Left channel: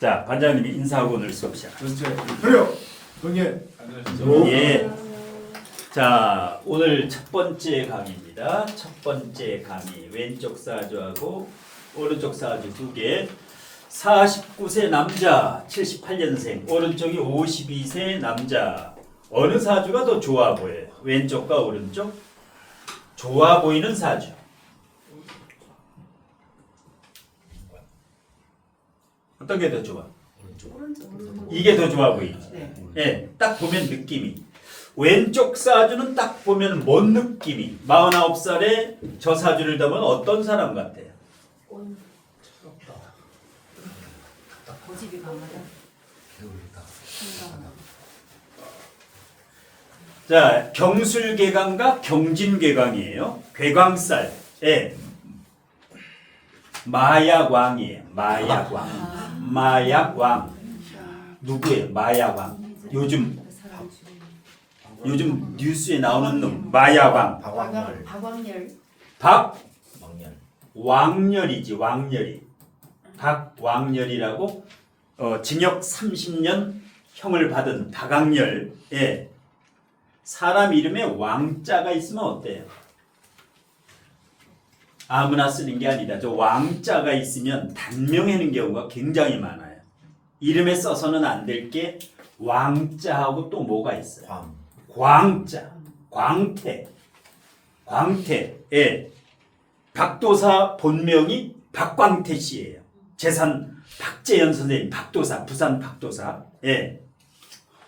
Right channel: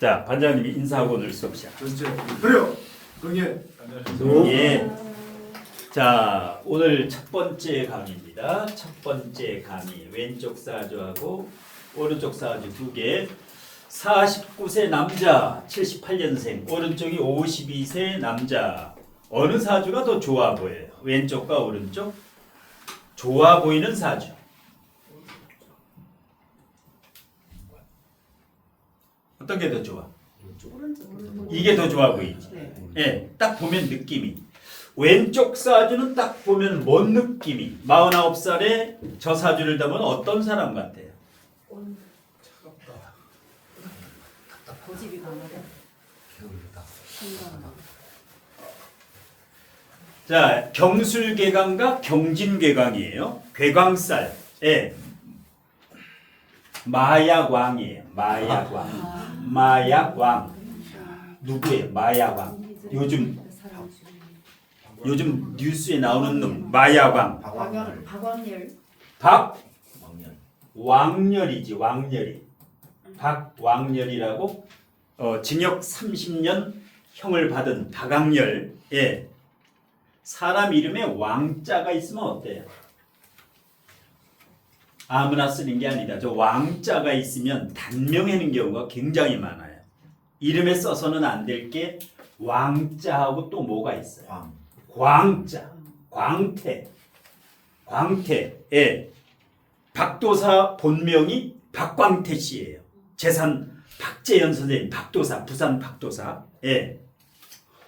자, 반장님 인사하고 오늘 수업 시작. 전체 그래요. 동예 안녕하세요. 예. 자, 오늘 첫 번째 강의입니다. 첫 번째 강의 왼쪽 사주하고 오른쪽 사주 두 개. 49세 남자 78년생, 오른쪽이 52세 남자. 어느 사주가 더 좋아 보여요? 왼쪽과 오른쪽? 좋아 보이는 사주. 어떤 게 더 좋아? 이게 더 좋아 보이지. 예, 딱 보면 느낌이. 왼쪽 사주는 딱 보면 뭔 느낌이? 49살에 저 사주를 보면 어떤 사람 같아요? 고집이 강하다. 자, 경술개강과 경진개강이에요. 괴강살. 예. 마약왕이에요. 마약왕. 마약왕. 누구예요? 마약왕. 요즘 뉴스에 나오는 놈 마약왕. 박왕렬. 박왕렬이지. 왕렬이. 박왕렬이라고 징역 30년 형을 받은 박왕렬. 예. 사람 이름에 왕자가 있으면 어때요? 아무나 쓰는 게 아니라 저 왕자가 있으면 단명하는 경우가 굉장히 많아요. 이름에 써서는 안 될 게 왕자하고 또 뭐가 있어요? 광자, 광태, 광태. 예. 박도사 본명이 박광태 씨예요. 재산 박재현 선생님, 박도사, 부산 박도사. 예.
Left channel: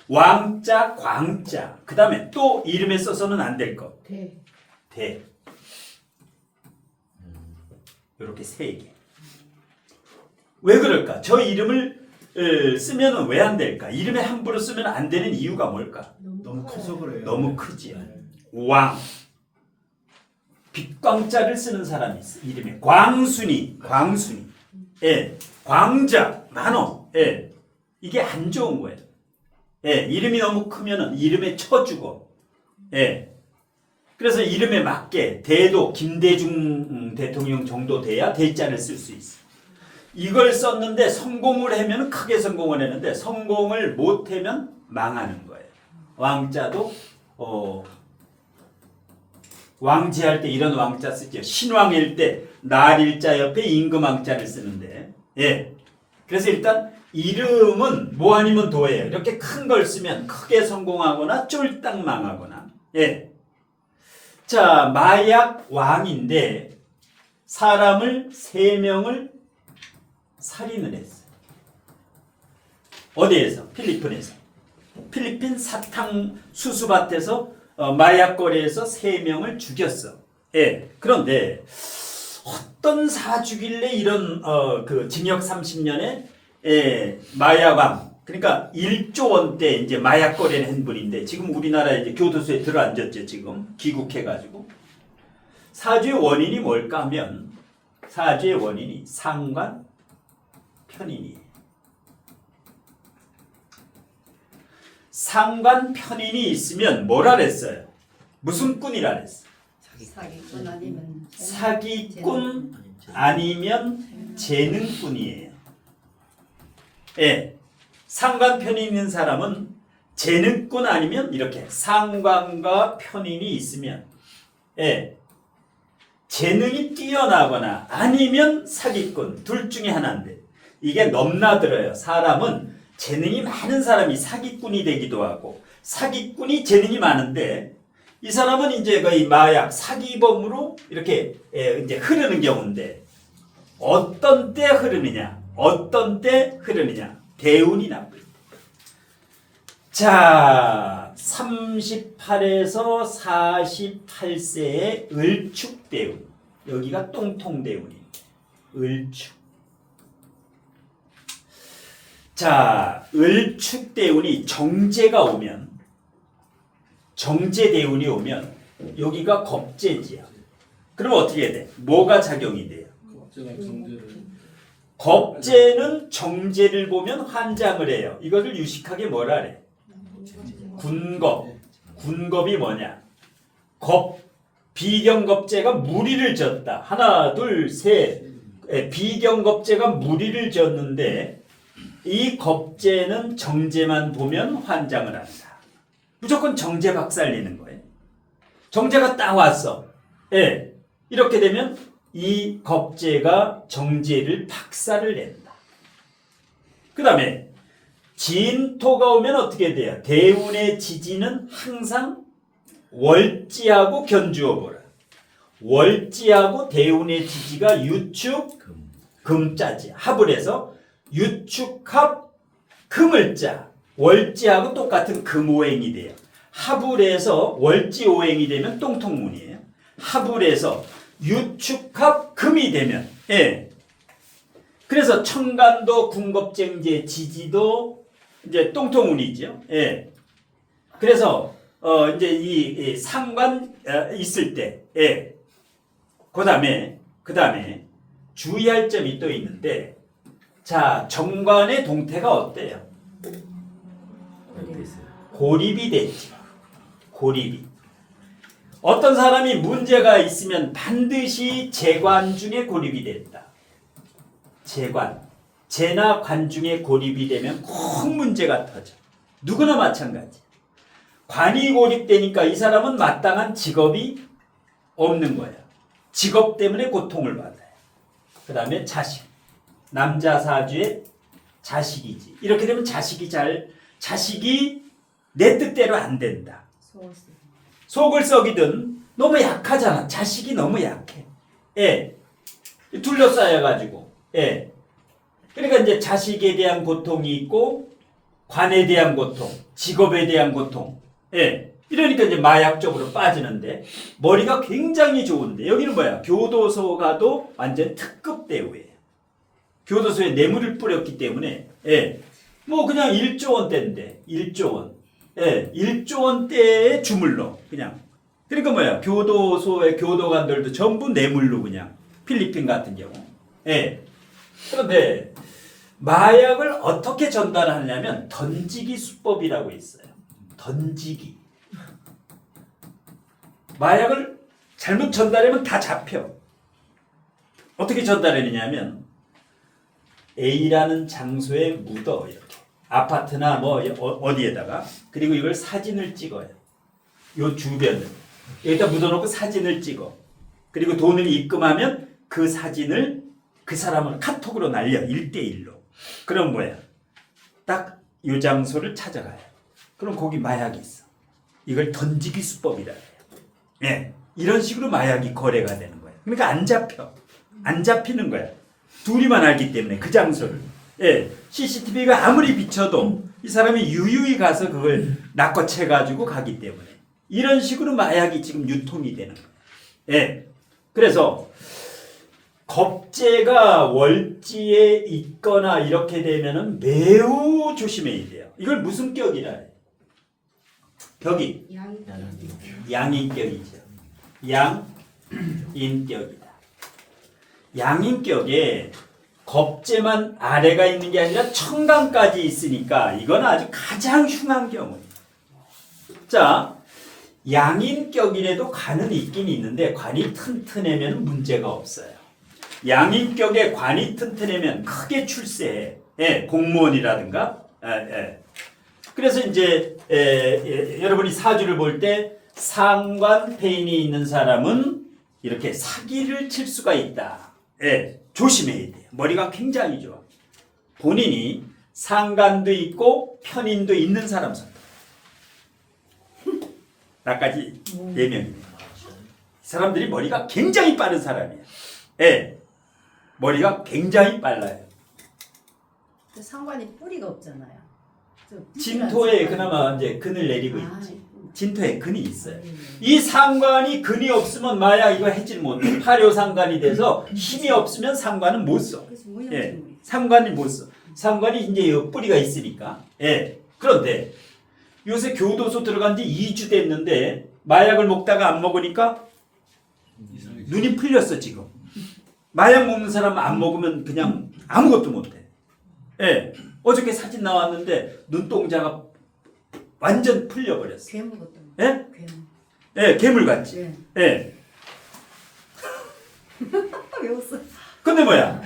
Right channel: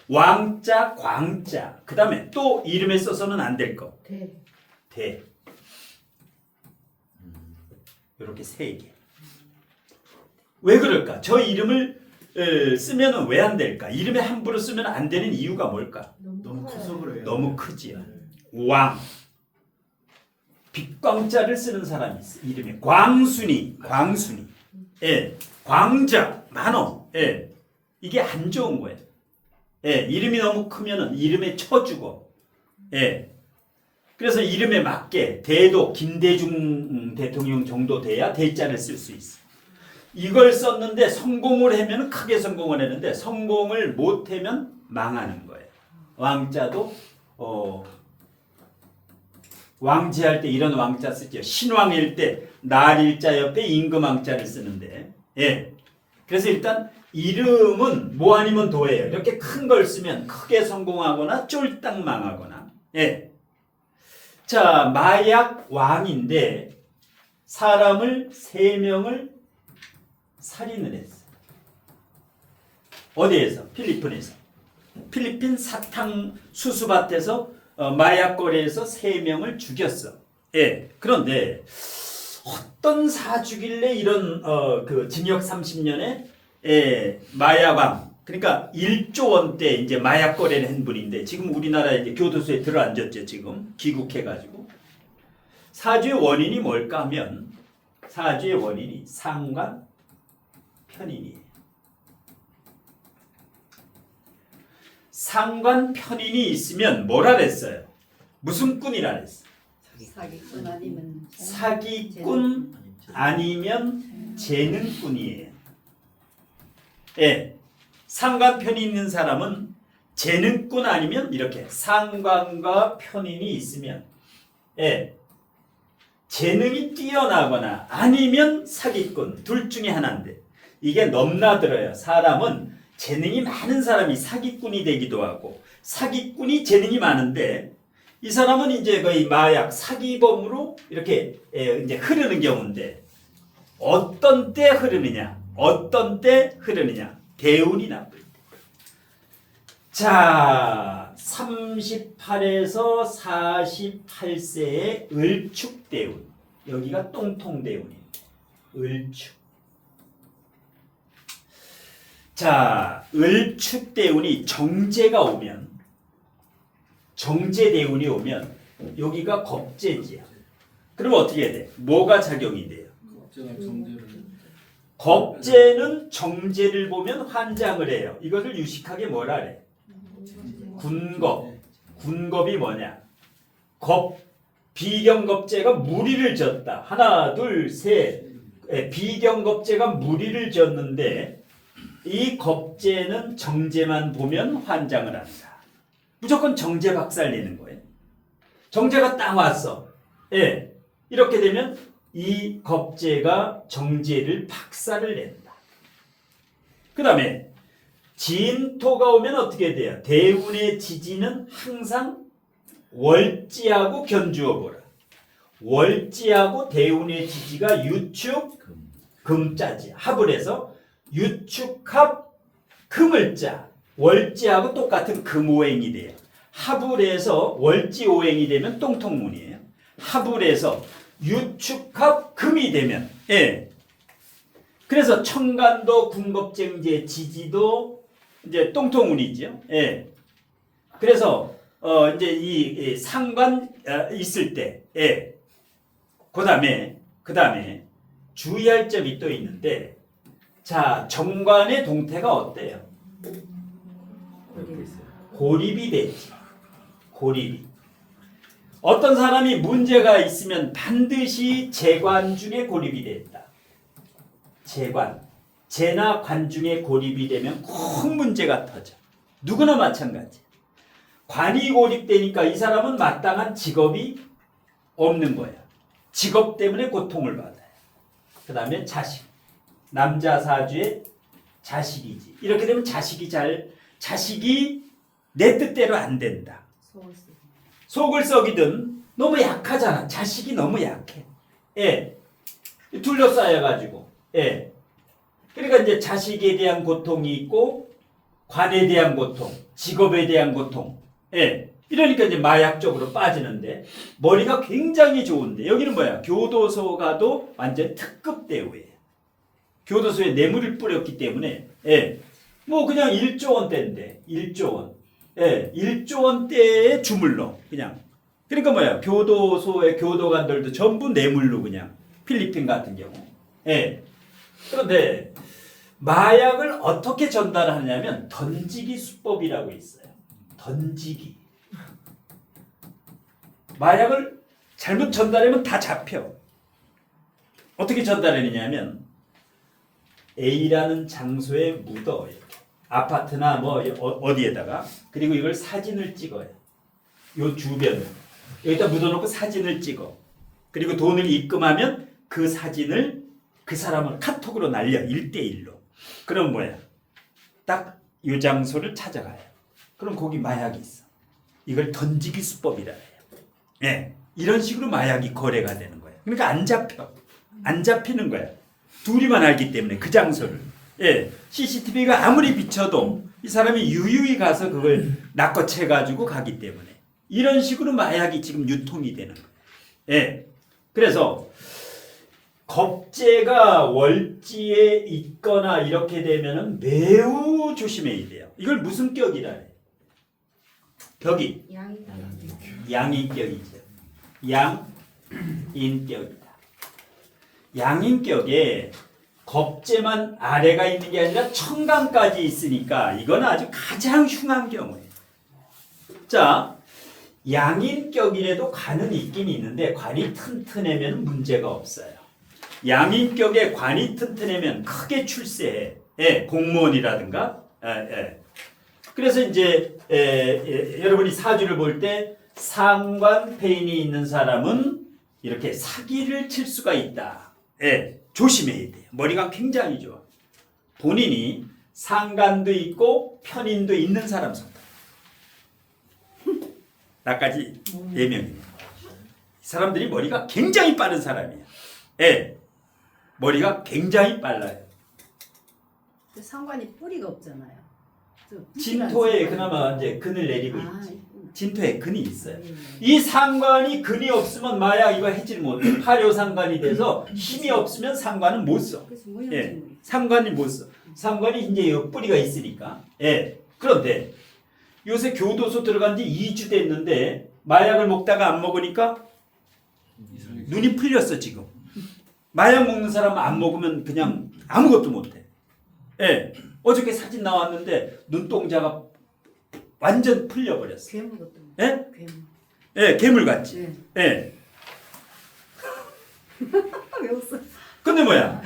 왕자, 광자. 그 다음에 또 이름에 써서는 안 될 것. 대. 이렇게 세 개. 왜 그럴까? 저 이름을 쓰면은 왜 안 될까? 이름에 함부로 쓰면 안 되는 이유가 뭘까? 너무 커서 그래요. 너무 크지요. 왕. 빛광자를 쓰는 사람이 있어. 이름에 광순이. 예. 광자. 많어. 예. 이게 안 좋은 거예요. 예. 이름이 너무 크면은 이름에 쳐주고. 예. 그래서 이름에 맞게 대도 김대중 대통령 정도 돼야 대자를 쓸 수 있어. 이걸 썼는데 성공을 하면 크게 성공을 했는데 성공을 못 하면 망하는 거예요. 왕자도 왕제할 때 이런 왕자 쓰죠. 신왕일 때 날일자 옆에 임금왕자를 쓰는데. 예. 그래서 일단 이름은 뭐 아니면 도예요. 이렇게 큰 걸 쓰면 크게 성공하거나 쫄딱 망하거나. 예. 자, 마약 왕인데 사람을 3명을 살인을 했어요. 어디에서? 필리핀에서. 필리핀 사탕 수수밭에서 마약 거래에서 3명을 죽였어. 예. 그런데 어떤 사주길래 이런 그 징역 30년에 마약 왕, 그러니까 1조 원대 이제 마약 거래를 한 분인데 지금 우리나라 이제 교도소에 들어앉았죠. 지금 귀국해가지고. 사주의 원인이 뭘까 하면 사주의 원인이 상관 편인이에요. 상관 편인이 있으면 뭐라 그랬어요? 무슨 꾼이라 그랬어요? 사기꾼 아니면 사기꾼 아니면 재능꾼이에요. 예. 상관 편이 있는 사람은 재능꾼 아니면 이렇게 상관과 편인이 있으면 예. 재능이 뛰어나거나 아니면 사기꾼 둘 중에 하나인데 이게 넘나들어요. 사람은 재능이 많은 사람이 사기꾼이 되기도 하고 사기꾼이 재능이 많은데 이 사람은 이제 거의 마약 사기범으로 이렇게 이제 흐르는 경우인데 어떤 때 흐르느냐? 어떤 때 흐르느냐? 대운이 나쁠 때. 자, 38에서 48세의 을축대운. 여기가 똥통대운입니다. 을축. 자, 을축대운이 정제가 오면 정제대운이 오면 여기가 겁제지야. 그럼 어떻게 해야 돼? 뭐가 작용이 돼요? 겁제는 정제를 보면 환장을 해요. 이것을 유식하게 뭐라 그래? 군겁. 군겁이 뭐냐? 겁. 비경겁제가 무리를 졌다. 하나, 둘, 셋. 비경겁제가 무리를 졌는데 이 겁제는 정제만 보면 환장을 한다. 무조건 정제 박살내는 거예요. 정제가 딱 왔어. 예. 이렇게 되면 이 겁제가 정제를 박살을 낸다. 그 다음에 진토가 오면 어떻게 돼요? 대운의 지지는 항상 월지하고 견주어 보라. 월지하고 대운의 지지가 유축 금자지 합을 해서 유축합 금을 짜. 월지하고 똑같은 금오행이 돼요. 합을 해서 월지오행이 되면 똥통문이에요. 합을 해서 유축합 금이 되면 예. 그래서 청간도 궁겁쟁제 지지도 이제 똥통운이죠. 예. 그래서 이제 이 상관 있을 때 예. 그다음에 주의할 점이 또 있는데 자, 정관의 동태가 어때요? 고립이 됐죠. 고립이. 어떤 사람이 문제가 있으면 반드시 재관 중에 고립이 됐다. 재관. 재나 관 중에 고립이 되면 꼭 문제가 터져. 누구나 마찬가지. 관이 고립되니까 이 사람은 마땅한 직업이 없는 거야. 직업 때문에 고통을 받아요. 그 다음에 자식. 남자 사주의 자식이지. 이렇게 되면 자식이 내 뜻대로 안 된다. 속을 썩이든 너무 약하잖아. 자식이 너무 약해. 예. 둘러싸여가지고. 예. 그러니까 이제 자식에 대한 고통이 있고 관에 대한 고통, 직업에 대한 고통. 예. 이러니까 이제 마약 쪽으로 빠지는데 머리가 굉장히 좋은데 여기는 뭐야? 교도소 가도 완전 특급 대우예요. 교도소에 뇌물을 뿌렸기 때문에 예. 뭐 그냥 1조 원대인데 1조 원. 예. 1조 원대의 주물러 그냥. 그러니까 뭐야? 교도소의 교도관들도 전부 뇌물로 그냥 필리핀 같은 경우. 예. 그런데 마약을 어떻게 전달하냐면 던지기 수법이라고 있어요. 던지기. 마약을 잘못 전달하면 다 잡혀. 어떻게 전달하느냐면 A라는 장소에 묻어 이렇게 아파트나 뭐 어디에다가 그리고 이걸 사진을 찍어요. 요 주변을 여기다 묻어놓고 사진을 찍어. 그리고 돈을 입금하면 그 사진을 그 사람을 카톡으로 날려 1대1로. 그럼 뭐야? 딱 요 장소를 찾아가요. 그럼 거기 마약이 있어. 이걸 던지기 수법이라 해요. 예, 이런 식으로 마약이 거래가 되는 거예요. 그러니까 안 잡혀. 안 잡히는 거야. 둘이만 알기 때문에 그 장소를. 예, CCTV가 아무리 비춰도 이 사람이 유유히 가서 그걸 낚아채가지고 가기 때문에 이런 식으로 마약이 지금 유통이 되는 거예요. 예, 그래서 겁재가 월지에 있거나 이렇게 되면은 매우 조심해야 돼요. 이걸 무슨 격이라 해요? 격이 양인격이죠. 양인격이다. 양인격에 겁재만 아래가 있는 게 아니라 청강까지 있으니까 이건 아주 가장 흉한 경우예요. 자, 양인격이라도 관은 있긴 있는데 관이 튼튼하면 문제가 없어요. 양인격에 관이 튼튼하면 크게 출세해. 예, 공무원이라든가. 예. 그래서 이제 여러분이 사주를 볼 때 상관 폐인이 있는 사람은 이렇게 사기를 칠 수가 있다. 예, 조심해야 돼요. 머리가 굉장히 좋아. 본인이 상관도 있고 편인도 있는 사람 선택. 나까지 예명입니다. 사람들이 머리가 굉장히 빠른 사람이야. 예, 머리가 굉장히 빨라요. 상관이 뿌리가 없잖아요. 진토에 그나마 이제 근을 내리고 있지. 진토에 근이 있어요. 이 상관이 근이 없으면 마약 이거 해질 못해. 파료 상관이 돼서 힘이 없으면 상관은 못 써. 예, 상관이 못 써. 상관이 이제 이 뿌리가 있으니까. 예. 그런데 요새 교도소 들어간 지 2주 됐는데 마약을 먹다가 안 먹으니까 눈이 풀렸어 지금. 마약 먹는 사람 안 먹으면 그냥 아무것도 못해. 예. 어저께 사진 나왔는데 눈동자가 완전 풀려버렸어. 괴물 같은. 예? 괴물. 예, 괴물같이. 네. 예. 왜 웃어? 근데 뭐야?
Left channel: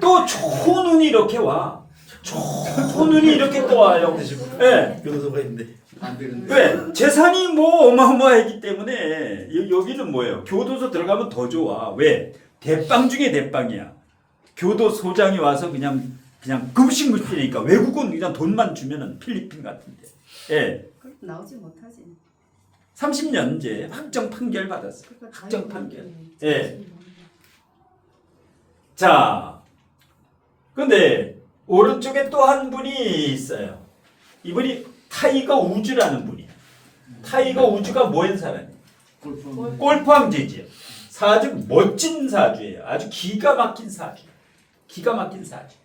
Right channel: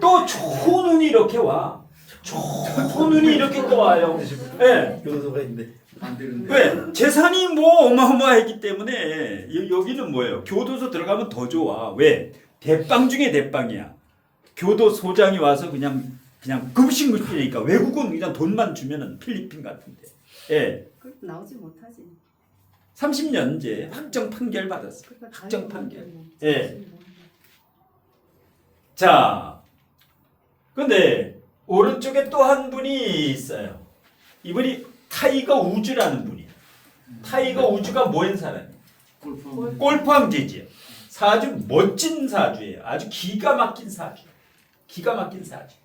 또 좋은 운이 이렇게 와. 초눈이 이렇게 떠와요. 예. 교도소가 있는데. 안 되는데. 왜? 재산이 뭐 어마어마하기 때문에 여기는 뭐예요? 교도소 들어가면 더 좋아. 왜? 대빵 중에 대빵이야. 교도소장이 와서 그냥 급식물이니까 외국은 그냥 돈만 주면은 필리핀 같은데. 예. 그래도 나오지 못하지. 30년제 확정 판결 받았어. 그러니까 확정 다행히 판결. 모르겠네. 예. 자, 근데 오른쪽에 또 한 분이 있어요. 이분이 타이거 우즈라는 분이에요. 타이거 우즈가 뭐한 사람이에요? 골프 황제지요. 아주 멋진 사주예요. 아주 기가 막힌 사주예요. 기가 막힌 사주.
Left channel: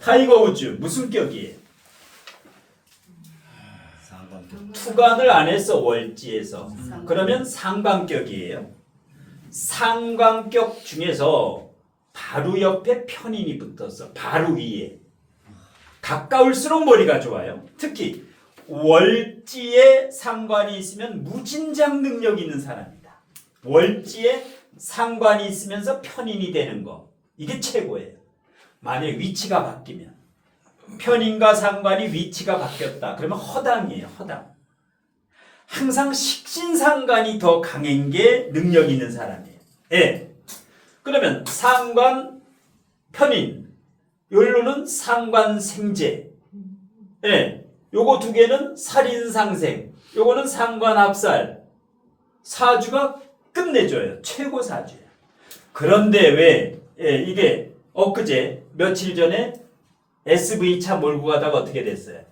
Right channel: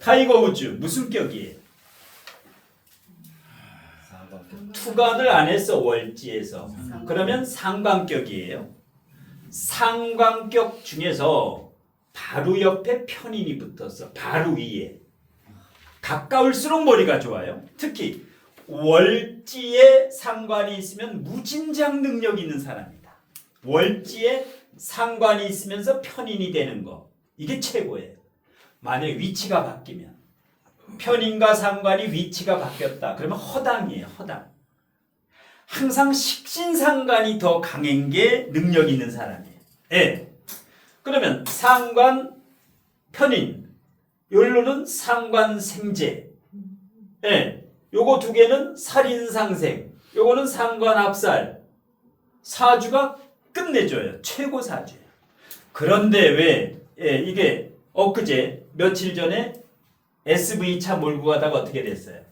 타이거 우즈 무슨 격이에요? 투관을 안 했어 월지에서. 그러면 상관격이에요. 상관격 중에서 바로 옆에 편인이 붙어서 바로 위에 가까울수록 머리가 좋아요. 특히 월지에 상관이 있으면 무진장 능력이 있는 사람이다. 월지에 상관이 있으면서 편인이 되는 거 이게 최고예요. 만약 위치가 바뀌면 편인과 상관이 위치가 바뀌었다. 그러면 허당이에요. 허당. 항상 식신상관이 더 강한 게 능력 있는 사람이에요. 예. 그러면 상관, 편인, 요일로는 상관생제. 예. 요거 두 개는 살인상생. 요거는 상관합살. 사주가 끝내줘요. 최고 사주예요. 그런데 왜 이게 엊그제 며칠 전에 SV 차 몰고 가다가 어떻게 됐어요?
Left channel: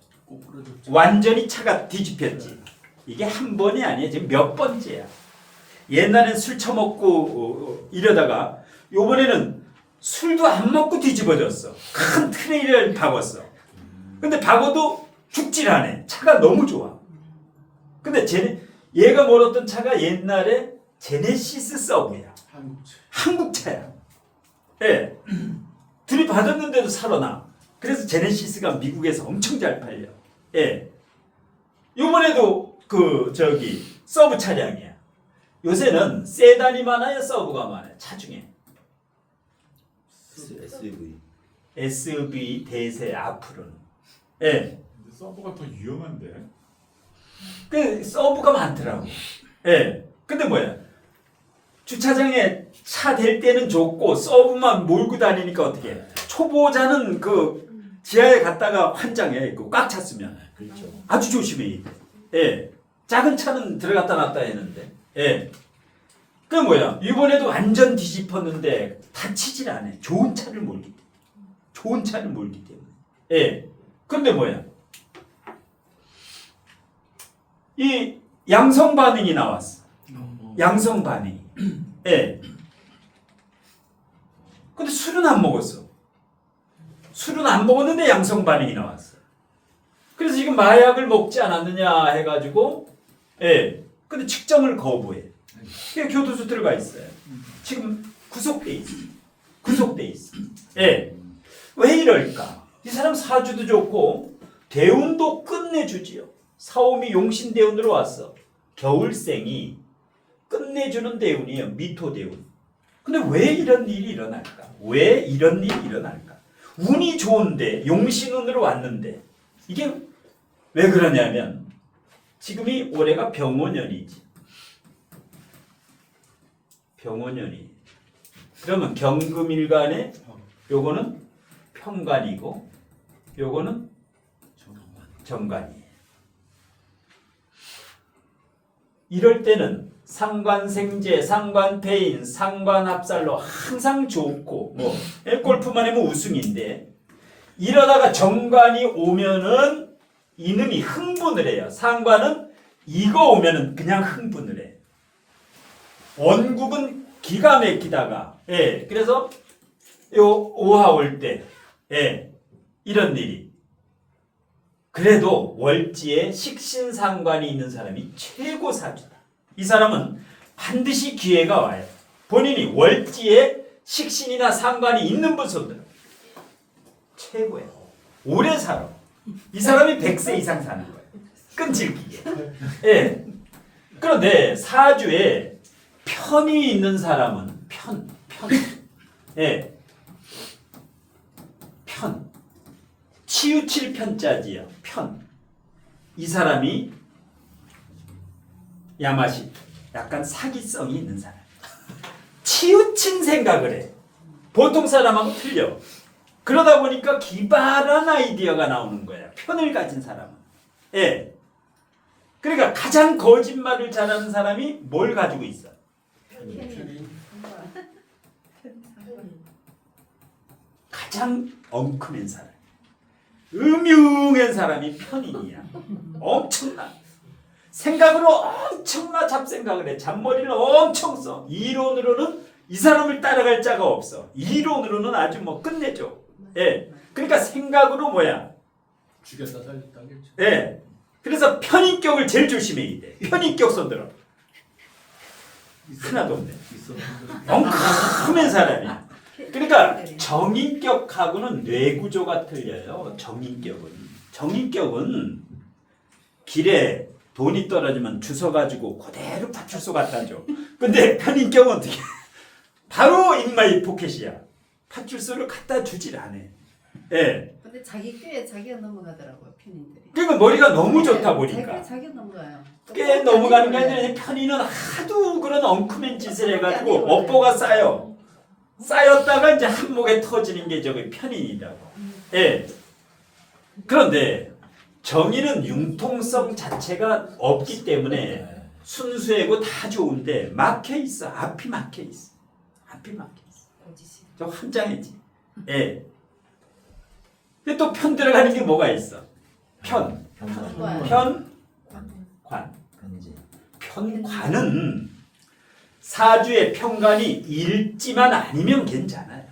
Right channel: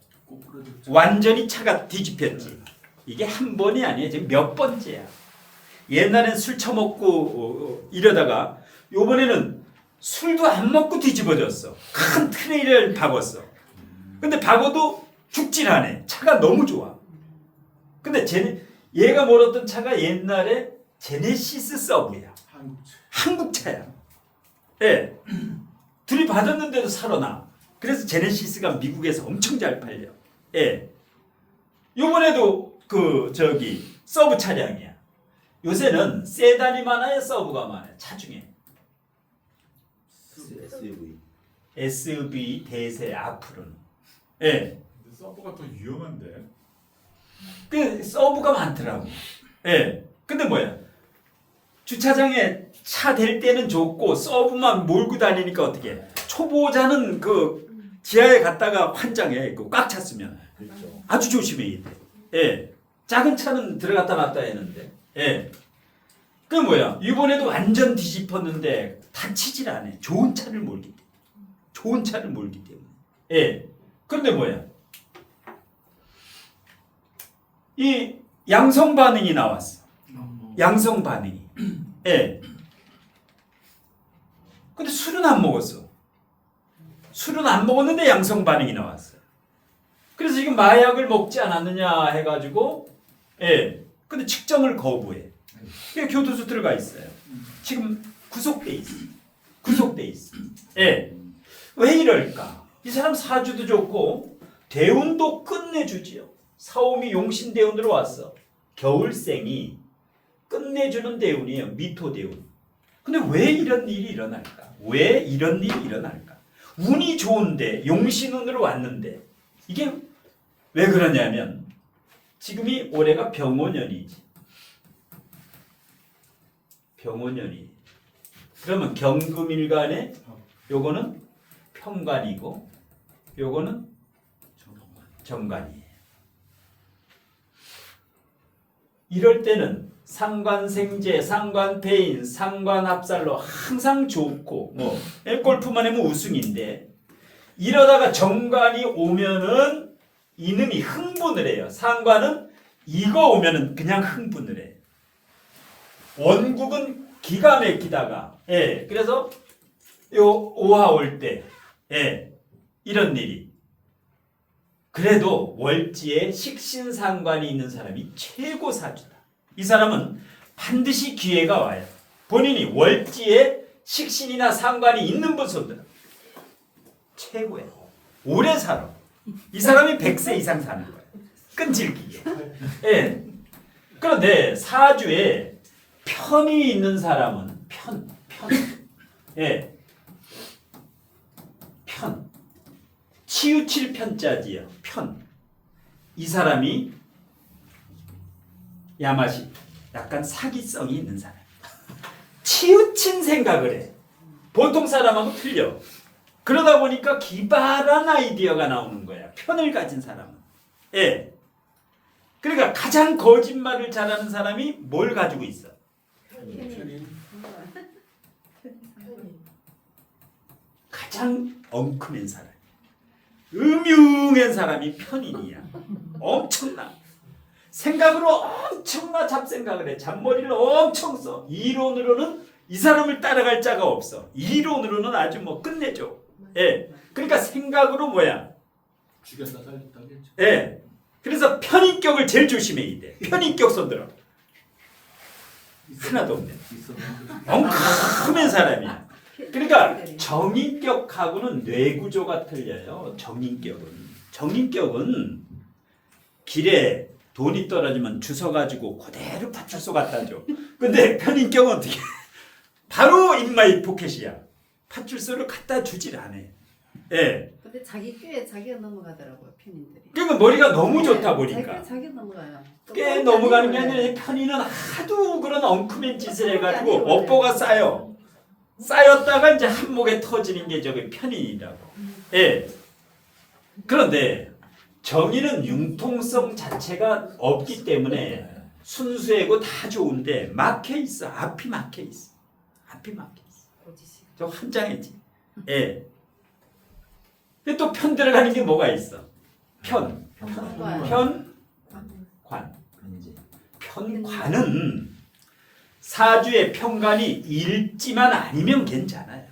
완전히 차가 뒤집혔지. 이게 한 번이 아니에요. 지금 몇 번째야. 옛날엔 술 처먹고 이러다가 요번에는 술도 안 먹고 뒤집어졌어. 큰 트레일러를 박았어. 근데 박아도 죽질 않아. 차가 너무 좋아. 근데 얘가 몰았던 차가 옛날에 제네시스 서브야. 한국차야. 예. 들이받았는데도 살아나. 그래서 제네시스가 미국에서 엄청 잘 팔려. 예. 요번에도 서브 차량이야. 요새는 세단이 많아요, 서브가 많아요. 차 중에. SV 대세 앞으로는. 예. 근데 서브가 더 위험한데. 그 서브가 많더라고. 예. 근데 뭐야? 주차장에 차 댈 때는 좋고 서브만 몰고 다니니까 어떻게 해? 초보자는 그 지하에 갔다가 환장해. 꽉 찼으면. 그렇죠. 아주 조심해야 돼. 예. 작은 차는 들어갔다 놨다 했는데. 예. 그 뭐야? 이번에도 완전 뒤집었는데 다치질 않아. 좋은 차를 몰기 때문에. 좋은 차를 몰기 때문에. 예. 그런데 뭐야? 이 양성 반응이 나왔어. 양성 반응이. 예. 근데 술은 안 먹었어. 술은 안 먹었는데 양성 반응이 나왔어. 그래서 지금 마약을 먹지 않았느냐 해가지고, 예. 근데 측정을 거부해. 그게 교도소 들어가 있어요. 지금 구속돼 있어. 구속돼 있어. 예. 왜 이럴까? 이 사람 사주도 좋고 대운도 끝내주지요. 사오미 용신 대운으로 왔어. 겨울생이 끝내주는 대운이에요. 미토 대운. 근데 왜 이런 일이 일어날까? 왜 이런 일이 일어날까? 운이 좋은데 용신운으로 왔는데 이게 왜 그러냐면 지금이 올해가 병원년이지. 병원년이. 그러면 경금일간에 요거는 평관이고 요거는 정관이에요. 이럴 때는 상관생제, 상관패인, 상관합살로 항상 좋고 골프만 하면 우승인데 이러다가 정관이 오면은 이놈이 흥분을 해요. 상관은 이거 오면은 그냥 흥분을 해. 원국은 기가 막히다가 그래서 요 오화 올 때 이런 일이 그래도 월지에 식신상관이 있는 사람이 최고 사주다. 이 사람은 반드시 기회가 와요. 본인이 월지에 식신이나 상관이 있는 분들은 최고예요. 오래 살아. 이 사람이 100세 이상 사는 거예요. 끈질기게. 그런데 사주에 편이 있는 사람은 편. 치우칠 편자지요. 편. 이 사람이 야마시 약간 사기성이 있는 사람. 치우친 생각을 해. 보통 사람하고 틀려. 그러다 보니까 기발한 아이디어가 나오는 거야. 편을 가진 사람은. 예. 그러니까 가장 거짓말을 잘하는 사람이 뭘 가지고 있어? 가장 엉큼한 사람. 음흉한 사람이 편인이야. 엄청나. 생각으로 엄청나 잡생각을 해. 잡머리를 엄청 써. 이론으로는 이 사람을 따라갈 자가 없어. 이론으로는 아주 뭐 끝내줘. 예. 그러니까 생각으로 뭐야? 죽였다 살렸다 하겠죠. 예. 그래서 편인격을 제일 조심해야 돼. 편인격 손들어. 하나도 없네. 엉큼한 사람이야. 그러니까 정인격하고는 뇌구조가 틀려요. 정인격은 길에 돈이 떨어지면 주워가지고 그대로 파출소 갖다 줘. 근데 편인격은 어떻게? 바로 인마이 포켓이야. 파출소를 갖다 주질 않아. 예. 근데 자기 꾀에 자기가 넘어가더라고요 편인들이. 그러니까 머리가 너무 좋다 보니까. 자기가 넘어가요. 꽤 넘어가는 게 아니라 편인은 하도 그런 엉큼한 짓을 해가지고 업보가 쌓여. 쌓였다가 이제 한목에 터지는 게 저게 편인이라고. 예. 그런데 정의는 융통성 자체가 없기 때문에 순수하고 다 좋은데 막혀 있어. 앞이 막혀 있어. 저 환장했지. 예. 근데 또 편 들어가는 게 뭐가 있어? 편관. 편관은 사주의 편관이 일지만 아니면 괜찮아요.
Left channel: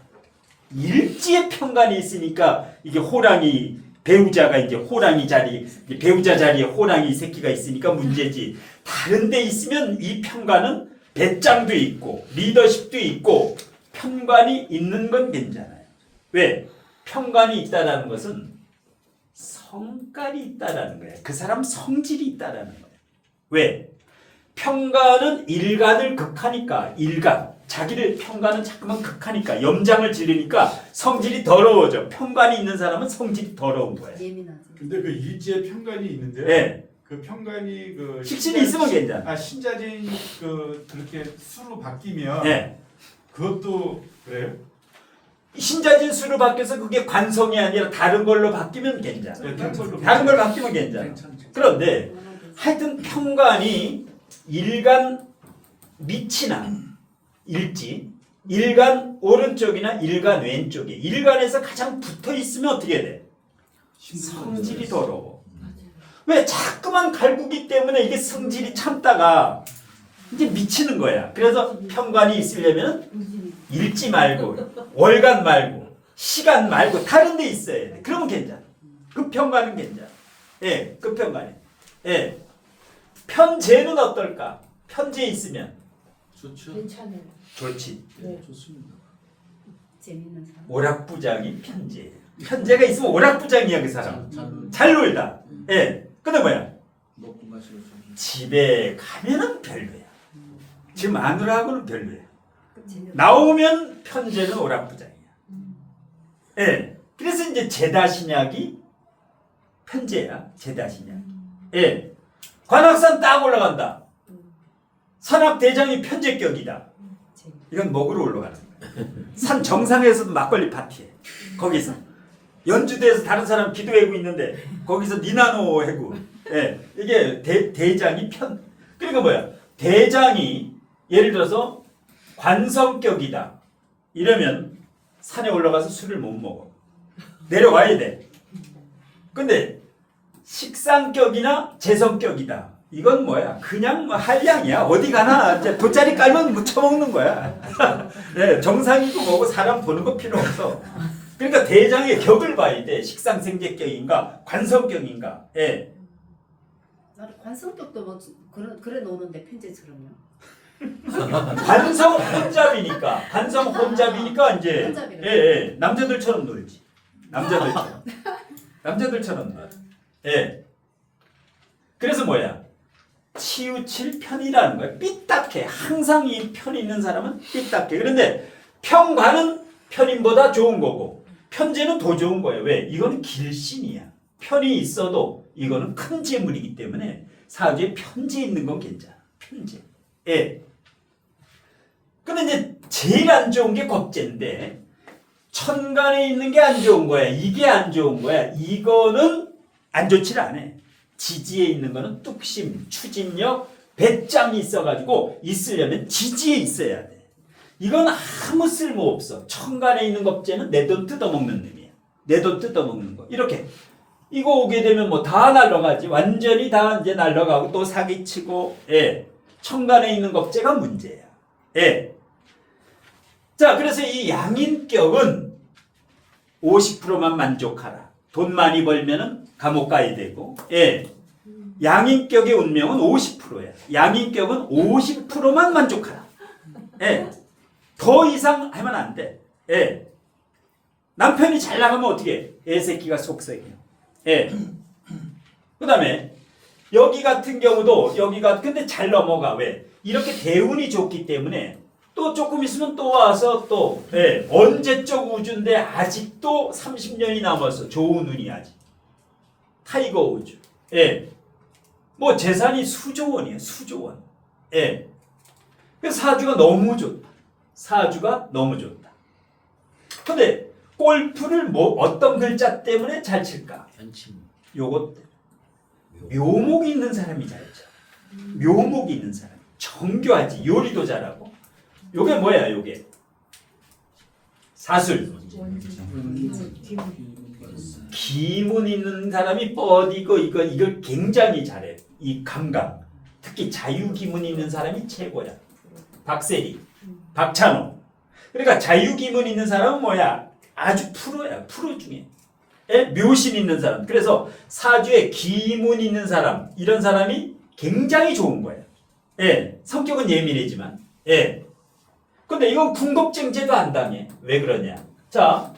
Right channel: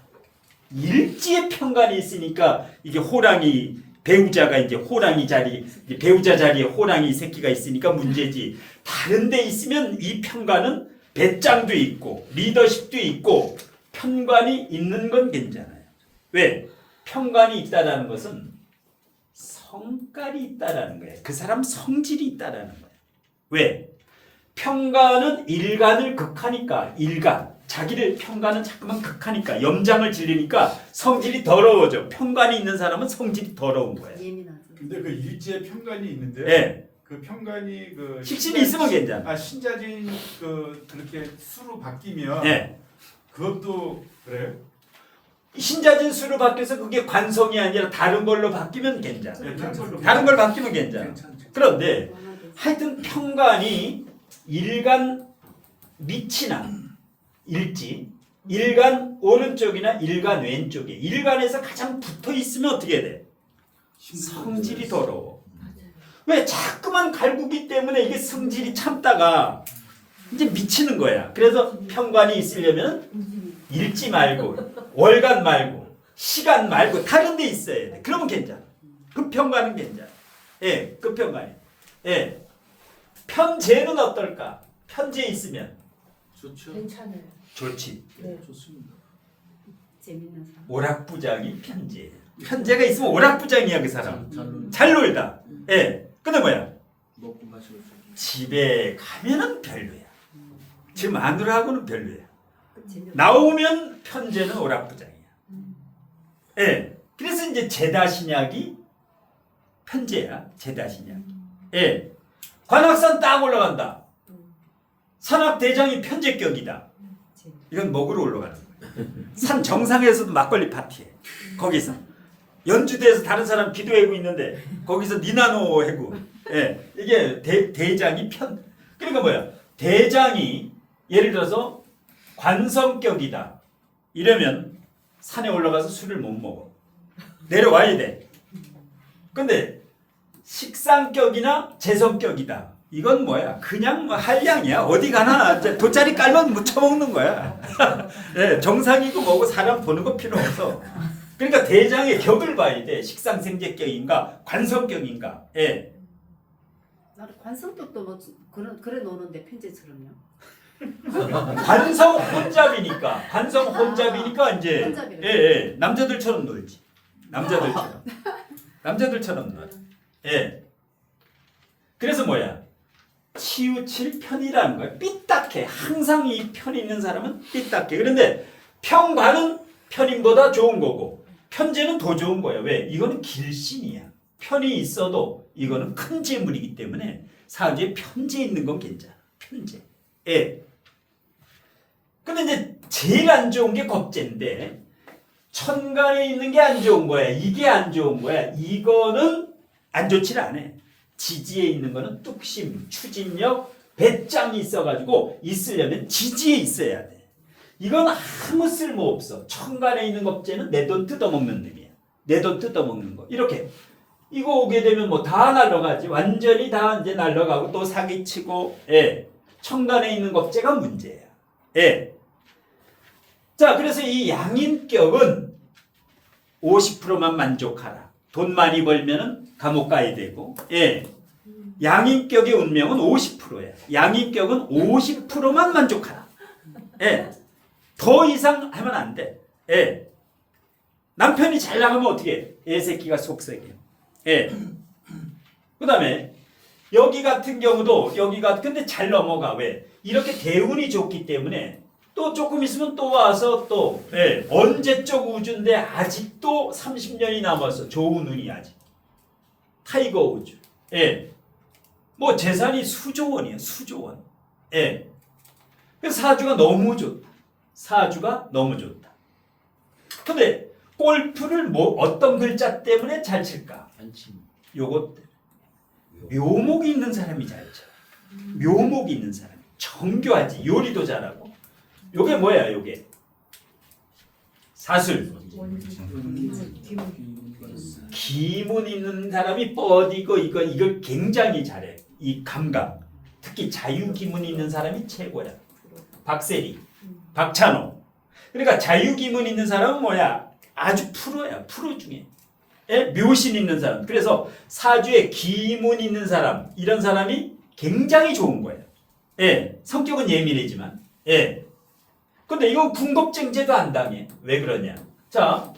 일지의 편관이 있으니까 이게 호랑이 배우자가 이제 호랑이 자리 배우자 자리에 호랑이 새끼가 있으니까 문제지. 다른 데 있으면 이 편관은 배짱도 있고 리더십도 있고 편관이 있는 건 괜찮아요. 왜? 편관이 있다라는 것은 성깔이 있다라는 거예요. 그 사람 성질이 있다라는 거예요. 왜? 편관은 일간을 극하니까 자기를 편관은 자꾸만 극하니까 염장을 지르니까 성질이 더러워져. 편관이 있는 사람은 성질이 더러운 거예요. 예민하지. 근데 그 일지에 편관이 있는데요. 네. 그 편관이 그 식신이 있으면 괜찮아. 신자진 그렇게 수로 바뀌면 네. 그것도 그래요? 신자진 수로 바뀌어서 그게 관성이 아니라 다른 걸로 바뀌면 괜찮아. 네, 다른 걸 바뀌면 괜찮아. 괜찮죠. 그런데 하여튼 편관이 일간 밑이나 일지, 일간 오른쪽이나 일간 왼쪽에 일간에서 가장 붙어 있으면 어떻게 돼? 성질이 더러워. 왜? 자꾸만 갈구기 때문에 이게 성질이 참다가 이제 미치는 거야. 그래서 편관이 있으려면 일지 말고 월간 말고 시간 말고 다른 데 있어야 돼. 그러면 괜찮아. 그 편관은 괜찮아. 예, 그 편관이. 예. 편재는 어떨까? 편재 있으면 좋죠. 괜찮아요. 좋지. 네. 좋습니다. 재밌는 사람. 오락부장이 편재. 편재가 있으면 오락부장이야 그 사람. 잘 놀다. 예. 근데 뭐야? 먹고 마시고 집에 가면은 별로야. 집 마누라하고는 별로야. 재밌는 나오면 편재는 오락부장이야. 예. 그래서 이제 제다신약이 편재야. 제다신약. 예. 관악산 딱 올라간다. 산악대장이 편재격이다. 이건 먹으러 올라가는 거야. 산 정상에서도 막걸리 파티해. 거기서. 연주대에서 다른 사람 기도하고 있는데 거기서 니나노 하고. 예. 이게 대장이 편. 그러니까 뭐야? 대장이 예를 들어서 관성격이다. 이러면 산에 올라가서 술을 못 먹어. 내려와야 돼. 근데 식상격이나 재성격이다. 이건 뭐야? 그냥 뭐 한량이야. 어디 가나 이제 돗자리 깔면 묻혀 먹는 거야. 네, 정상이고 뭐고 사람 보는 거 필요 없어. 그러니까 대장의 격을 봐야 돼. 식상생재격인가 관성격인가. 예. 나는 관성격도 뭐 그래 노는데 편제처럼요. 관성 혼잡이니까. 관성 혼잡이니까 이제 혼잡이네. 예. 남자들처럼 놀지. 남자들처럼 놀. 예. 그래서 뭐야? 치우칠 편이라는 거야. 삐딱해. 항상 이 편이 있는 사람은 삐딱해. 그런데 편관은 편인보다 좋은 거고 편재는 더 좋은 거예요. 왜? 이거는 길신이야. 편이 있어도 이거는 큰 재물이기 때문에 사주에 편재 있는 건 괜찮아. 편재. 예. 근데 이제 제일 안 좋은 게 겁재인데 천간에 있는 게 안 좋은 거야. 이게 안 좋은 거야. 이거는 안 좋질 않아. 지지에 있는 거는 뚝심, 추진력, 배짱이 있어가지고 있으려면 지지에 있어야 돼. 이건 아무 쓸모 없어. 천간에 있는 겁재는 내 돈 뜯어먹는 놈이야. 내 돈 뜯어먹는 거. 이렇게 이거 오게 되면 뭐 다 날라가지. 완전히 다 이제 날라가고 또 사기치고. 예. 천간에 있는 겁재가 문제야. 예. 자, 그래서 이 양인격은 50%만 만족하라. 돈 많이 벌면은 감옥 가야 되고. 예. 양인격의 운명은 50%야. 양인격은 50%만 만족하라. 예. 더 이상 하면 안 돼. 예. 남편이 잘 나가면 어떻게 해? 애새끼가 속썩이야. 예. 그 다음에 여기 같은 경우도 여기가 근데 잘 넘어가. 왜? 이렇게 대운이 좋기 때문에 또 조금 있으면 또 와서 또 예. 언제적 우주인데 아직도 30년이 남았어. 좋은 운이 아직. 타이거 우주. 예. 뭐 재산이 수조 원이에요. 수조 원. 예. 그래서 사주가 너무 좋다. 사주가 너무 좋다. 근데 골프를 뭐 어떤 글자 때문에 잘 칠까? 편침. 요것 묘목이 있는 사람이 잘 쳐. 묘목이 있는 사람. 정교하지. 요리도 잘하고. 요게 뭐야? 요게 사술. 기문 있는 사람이 뻗이고 이걸 굉장히 잘해. 이 감각. 특히 자유기문 있는 사람이 최고야. 박세리, 박찬호. 그러니까 자유기문 있는 사람은 뭐야? 아주 프로야. 프로 중에. 예? 묘신 있는 사람. 그래서 사주에 기문 있는 사람. 이런 사람이 굉장히 좋은 거예요. 예. 성격은 예민하지만. 예. 근데 이건 궁겁쟁제도 안 당해. 왜 그러냐? 자,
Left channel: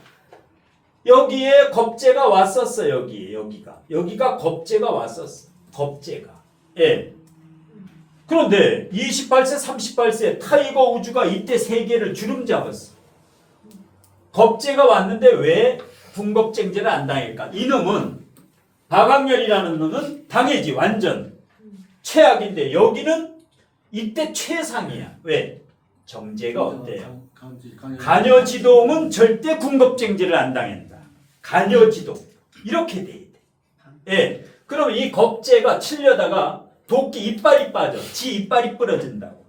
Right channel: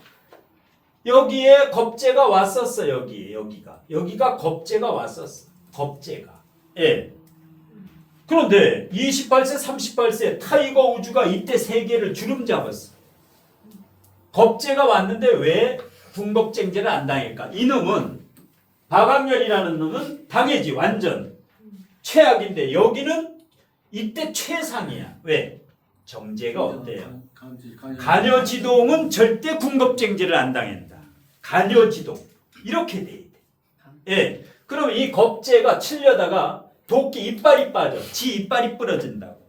여기에 겁재가 왔었어. 여기가 겁재가 왔었어. 겁재가. 예. 그런데 28세, 38세 타이거 우주가 이때 세계를 주름 잡았어. 겁재가 왔는데 왜 궁겁쟁제를 안 당할까? 이놈은 박학렬이라는 놈은 당해지. 완전 최악인데 여기는 이때 최상이야. 왜? 정제가 어때요? 간여지동은 절대 궁겁쟁제를 안 당한다. 간여지동 이렇게 돼야 돼. 예. 그럼 이 겁재가 치려다가 도끼 이빨이 빠져. 지 이빨이 부러진다고.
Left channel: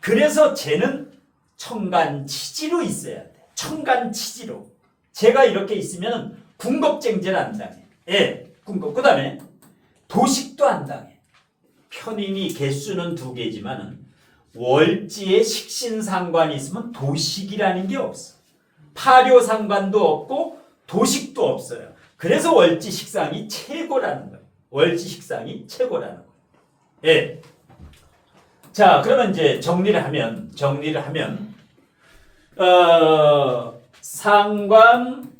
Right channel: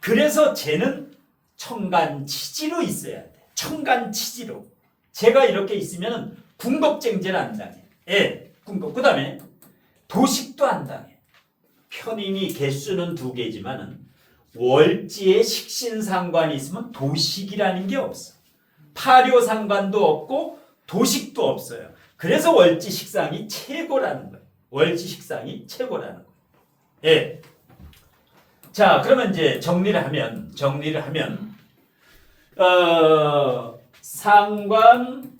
그래서 쟤는 청간치지로 있어야 돼. 청간치지로. 제가 이렇게 있으면 궁겁쟁제를 안 당해. 예. 궁겁. 그 다음에 도식도 안 당해. 편인이 개수는 2개지만은 월지에 식신상관이 있으면 도식이라는 게 없어. 파료상관도 없고 도식도 없어요. 그래서 월지식상이 최고라는 거예요. 월지식상이 최고라는 거예요. 예. 자, 그러면 이제 정리를 하면 상관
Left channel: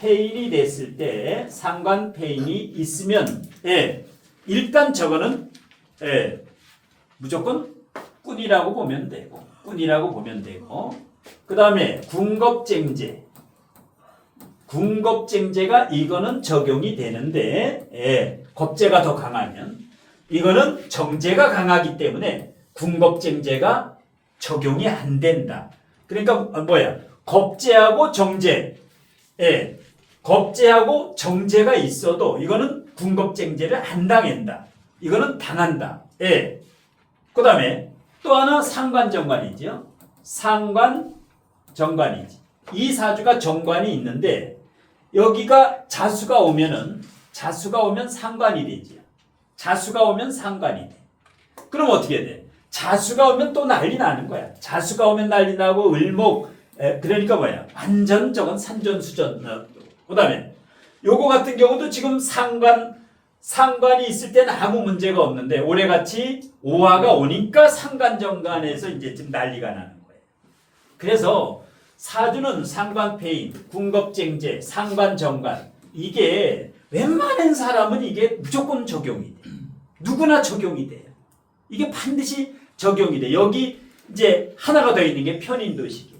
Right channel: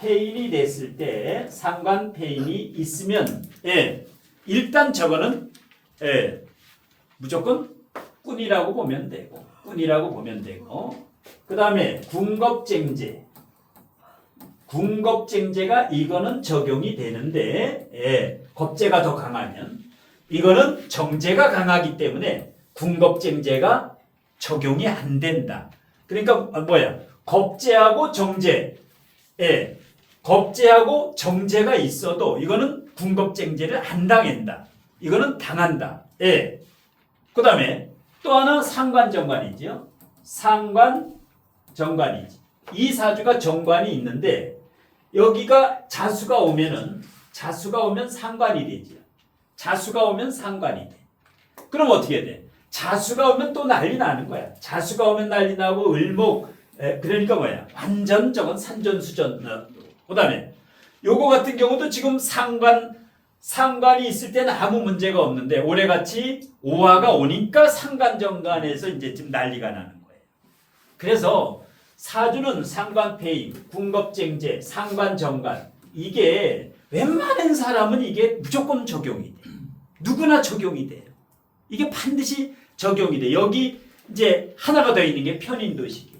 폐인이 됐을 때 상관 폐인이 있으면 예. 일단 저거는 예. 무조건 꾼이라고 보면 되고 그 다음에 궁겁쟁제가 이거는 적용이 되는데 예, 겁재가 더 강하면 이거는 정제가 강하기 때문에 궁겁쟁제가 적용이 안 된다. 그러니까 뭐야? 겁재하고 정제 예, 겁재하고 정제가 있어도 이거는 궁겁쟁제를 안 당한다. 이거는 당한다. 예. 그 다음에 또 하나 상관정관이죠. 상관정관이지. 이 사주가 정관이 있는데 여기가 자수가 오면 상관이 되지. 자수가 오면 상관이 돼. 그럼 어떻게 돼? 자수가 오면 또 난리 나는 거야. 자수가 오면 난리 나고 을목 그러니까 뭐야? 완전 저건 산전수전. 그 다음에 요거 같은 경우도 지금 상관이 있을 때는 아무 문제가 없는데 올해같이 오화가 오니까 상관정관에서 이제 지금 난리가 나는 거예요. 그래서 사주는 상관폐인, 궁겁쟁제, 상관정관 이게 웬만한 사람은 이게 무조건 적용이 돼. 누구나 적용이 돼요. 이게 반드시 적용이 돼. 여기 이제 하나가 더 있는 게 편인도식이에요.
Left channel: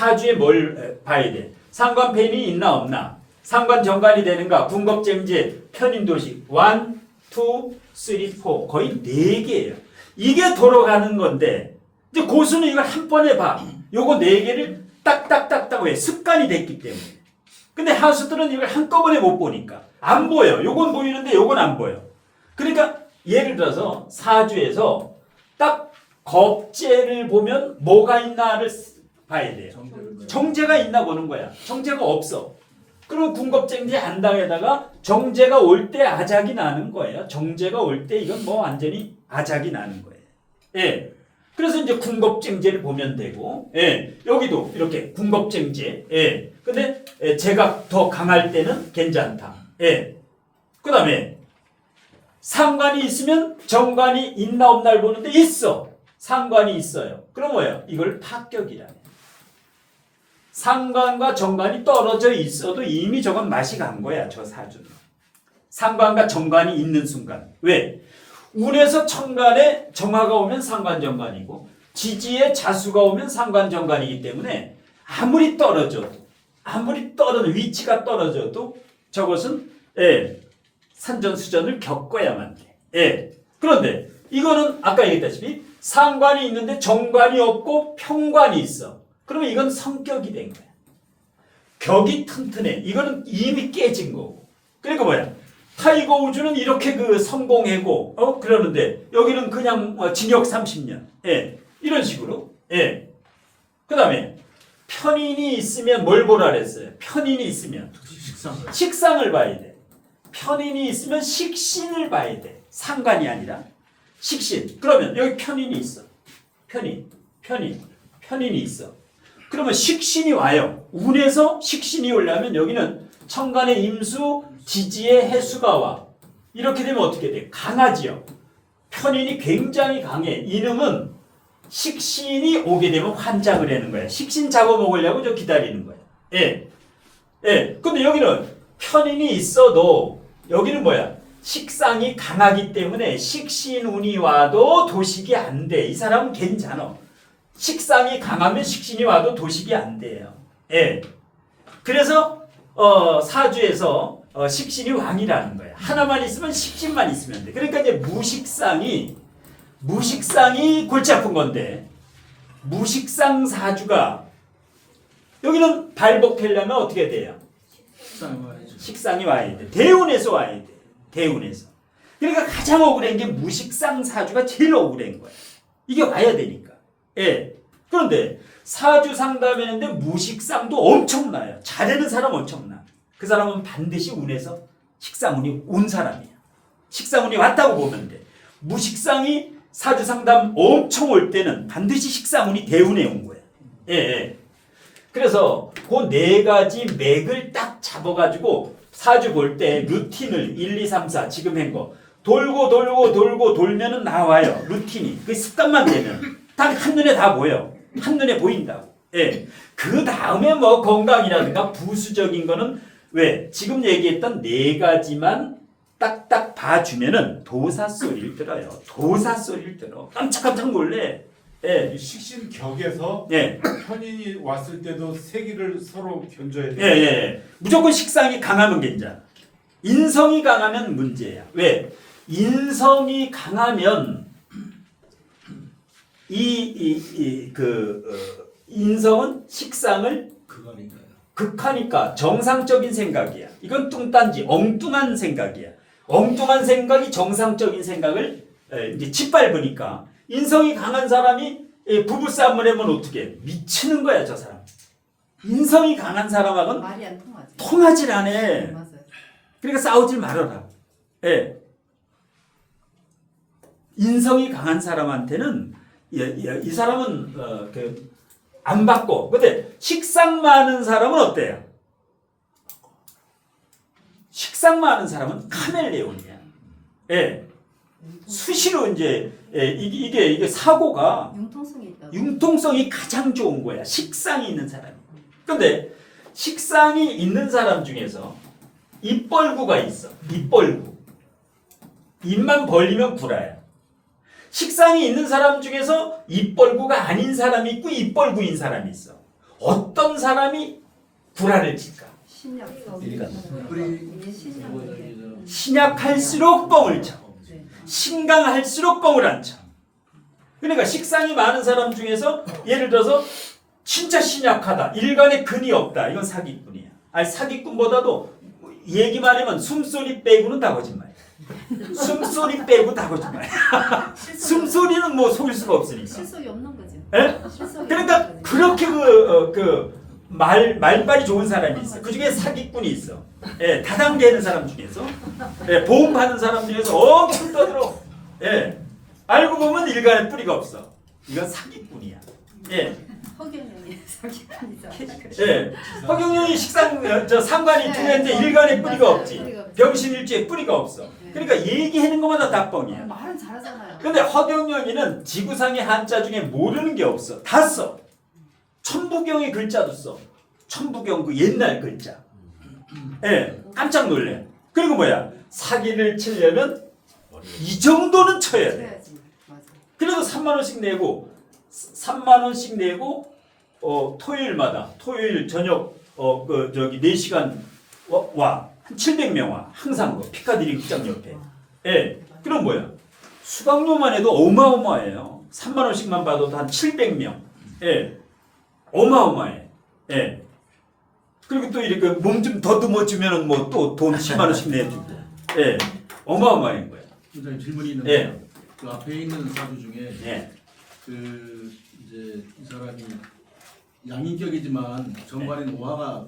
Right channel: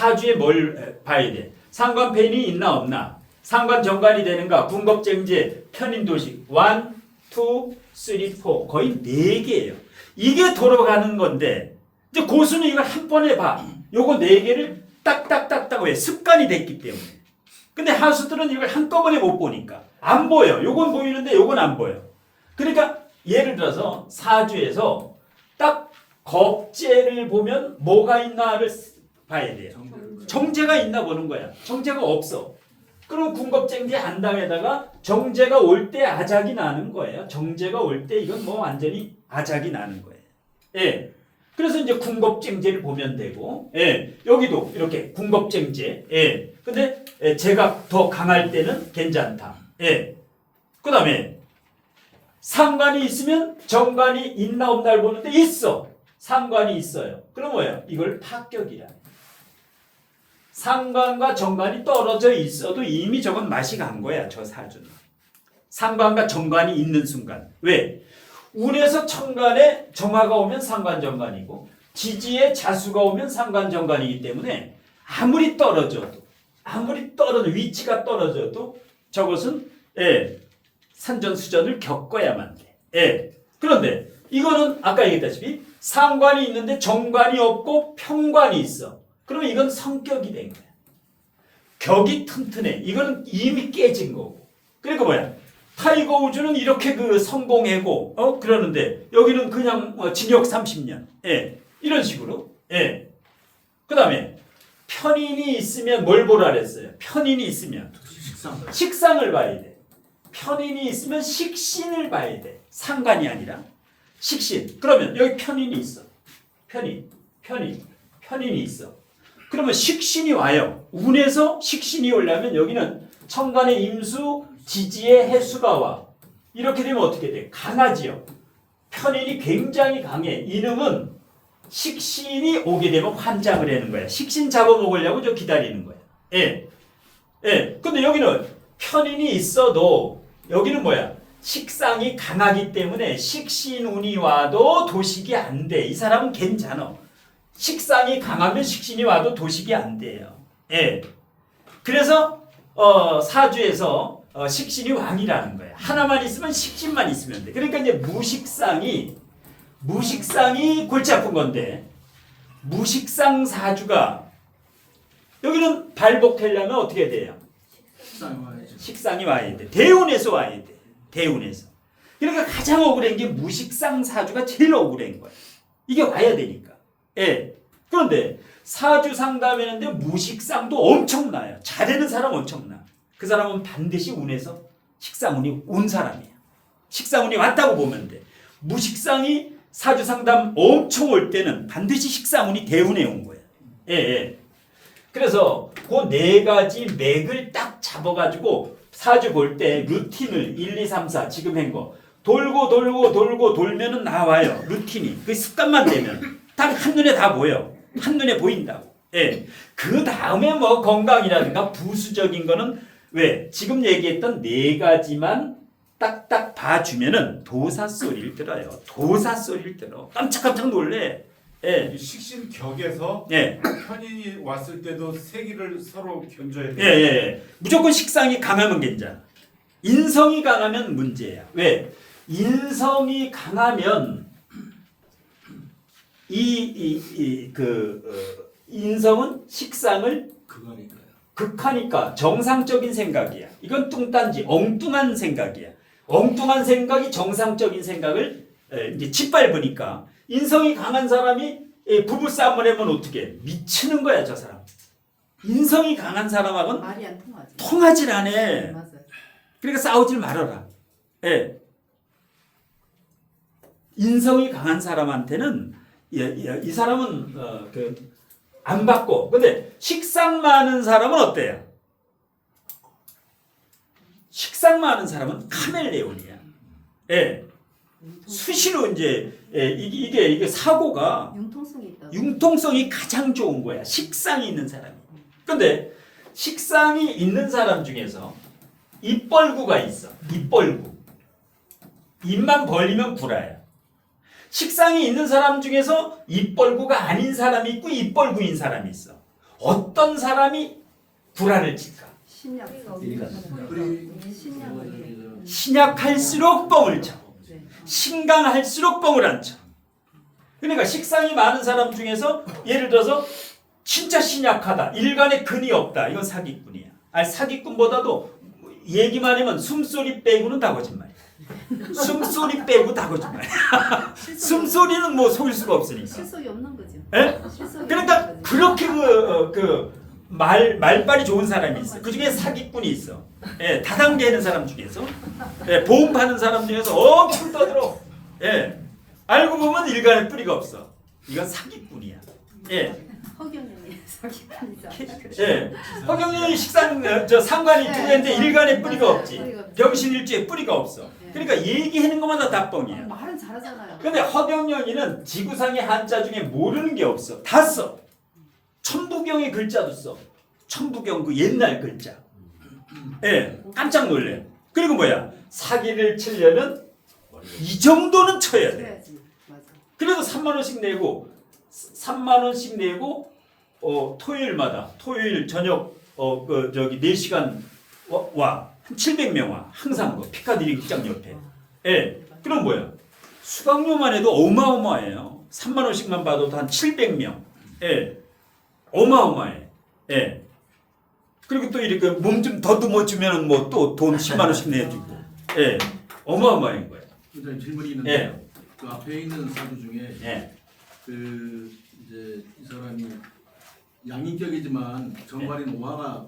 사주에 뭘 봐야 돼? 상관편이 있나 없나? 상관 정관이 되는가? 군겁쟁제, 편인도식 1, 2, 3, 4 거의 4개예요. 이게 돌아가는 건데 이제 고수는 이걸 한 번에 봐. 요거 4개를 딱딱딱딱 왜? 습관이 됐기 때문에. 근데 하수들은 이걸 한꺼번에 못 보니까 안 보여. 요건 보이는데 요건 안 보여. 그러니까 예를 들어서 사주에서 딱 겁재를 보면 뭐가 있나를 봐야 돼요. 정제가 있나 보는 거야. 정제가 없어. 그럼 군겁쟁제 안당에다가 정제가 올 때 아작이 나는 거예요. 정제가 올 때 이건 뭐 완전히 아작이 나는 거예요. 예. 그래서 이제 군겁쟁제를 보면 되고, 예. 여기도 이렇게 군겁쟁제. 예. 근데 제가 더 강할 때는 괜찮다. 예. 그 다음에 상관이 있으면 정관이 있나 없나를 보는데 있어. 상관이 있어요. 그럼 뭐예요? 이걸 파격이라 해요. 상관과 정관이 떨어져 있어도 이미 저건 맛이 간 거야. 저 사주는. 상관과 정관이 있는 순간. 왜? 운에서 천간에 정화가 오면 상관정관이고 지지에 자수가 오면 상관정관이기 때문에 아무리 떨어져도 위치가 떨어져도 저것은 산전수전을 겪어야만 돼. 그런데 이거는 아까 얘기했다시피 상관이 있는데 정관이 없고 평관이 있어. 그러면 이건 성격이 된 거야. 격이 튼튼해. 이거는 이미 깨진 거고. 그러니까 뭐야? 타이거 우즈는 이렇게 성공하고 그러는데 여기는 그냥 징역 30년. 이런 식으로. 그 다음에 편인이 있으면 뭘 보라 그랬어요? 편인이 있으면 식상을 봐야 돼. 편인이 있으면 식신을 봐야 돼. 상관이 아니라 식신. 그러면 여기 편인이 있어. 편인이 있어. 그러면 식신이 와요. 운에서 식신이 오려면 여기는 천간의 임수, 지지의 해수가 와. 이렇게 되면 어떻게 돼? 강하지요. 편인이 굉장히 강해. 이놈은 식신이 오게 되면 환장을 하는 거야. 식신 잡아먹으려고 저 기다리는 거야. 근데 여기는 편인이 있어도 여기는 뭐야? 식상이 강하기 때문에 식신운이 와도 도식이 안 돼. 이 사람은 괜찮아. 식상이 강하면 식신이 와도 도식이 안 돼요. 그래서 사주에서 식신이 왕이라는 거야. 하나만 있으면 식신만 있으면 돼. 그러니까 이제 무식상이 골치 아픈 건데 무식상 사주가 여기는 발복하려면 어떻게 돼요? 식상이 와야 돼. 대운에서 와야 돼. 대운에서. 그러니까 가장 억울한 게 무식상 사주가 제일 억울한 거야. 이게 와야 되니까. 그런데 사주 상담했는데 무식상도 엄청나요. 잘하는 사람 엄청나. 그 사람은 반드시 운에서 식상운이 온 사람이야. 식상운이 왔다고 보면 돼. 무식상이 사주 상담 엄청 올 때는 반드시 식상운이 대운에 온 거야. 그래서 그 4가지 맥을 딱 잡아가지고 사주 볼 때 루틴을 1, 2, 3, 4 지금 한 거 돌고 돌면은 나와요. 루틴이. 그 습관만 되면 딱 한눈에 다 보여. 한눈에 보인다고. 그 다음에 뭐 건강이라든가 부수적인 거는 왜? 지금 얘기했던 4가지만 딱딱 봐주면은 도사 소리를 들어요. 도사 소리를 들어. 깜짝깜짝 놀래. 이 식신 격에서 편인이 왔을 때도 세기를 서로 견줘야 돼. 무조건 식상이 강하면 괜찮아. 인성이 강하면 문제야. 왜? 인성이 강하면 인성은 식상을 극하니까 정상적인 생각이야. 이건 뚱딴지 엉뚱한 생각이야. 엉뚱한 생각이 정상적인 생각을 이제 짓밟으니까 인성이 강한 사람이 부부싸움을 하면 어떻게 해? 미치는 거야 저 사람. 인성이 강한 사람하고는 말이 안 통하지. 통하질 않아. 맞아요. 그러니까 싸우질 말아라. 인성이 강한 사람한테는 이 사람은 안 받고. 근데 식상 많은 사람은 어때요? 식상 많은 사람은 카멜레온이야. 수시로 이제 이게 사고가 융통성이 가장 좋은 거야. 식상이 있는 사람이. 근데 식상이 있는 사람 중에서 입벌구가 있어. 입벌구. 입만 벌리면 구라야. 식상이 있는 사람 중에서 입벌구가 아닌 사람이 있고 입벌구인 사람이 있어. 어떤 사람이 구라를 칠까? 신약. 신약할수록 뻥을 쳐. 네. 신강할수록 뻥을 안 쳐. 그러니까 식상이 많은 사람 중에서 예를 들어서 진짜 신약하다. 일간에 근이 없다. 이건 사기꾼이야. 아니 사기꾼보다도 얘기만 하면 숨소리 빼고는 다 거짓말이야. 숨소리 빼고 다 거짓말이야. 숨소리는 뭐 속일 수가 없으니까. 실속이 없는 거죠. 예? 실속이 그러니까 없는 거죠. 그렇게 말빨이 좋은 사람이 있어. 그 중에 사기꾼이 있어. 예, 다단계하는 사람 중에서, 예, 보험 파는 사람 중에서 엄청 떠들어. 예, 알고 보면 일간에 뿌리가 없어. 이건 사기꾼이야. 예, 허경영이 사기꾼이죠. 예, 허경영이 상관이 두 개인데 일간에 뿌리가 없지. 병신일주에 뿌리가 없어. 그러니까 얘기하는 것마다 다 뻥이야. 말은 잘하잖아요. 근데 허경영이는 지구상의 한자 중에 모르는 게 없어. 다 써. 천부경의 글자도 써. 천부경 그 옛날 글자. 예, 깜짝 놀래. 그리고 뭐야? 사기를 치려면 이 정도는 쳐야 돼. 쳐야지. 맞아. 그래도 3만 원씩 내고 3만 원씩 내고 토요일마다 토요일 저녁 4시간 와. 한 700명 와. 항상 그 피카디리 극장 옆에. 예. 그럼 뭐야? 수강료만 해도 어마어마해요. 3만 원씩만 받아도 한 700명. 예. 어마어마해. 예. 그리고 또 이렇게 몸 좀 더듬어 주면은 뭐 또 돈 10만 원씩 내주고. 예. 어마어마한 거야. 선생님 질문이 있는데 예. 그 앞에 있는 사주 중에 예. 그 이제 이 사람이 양인격이지만 정관인 오화가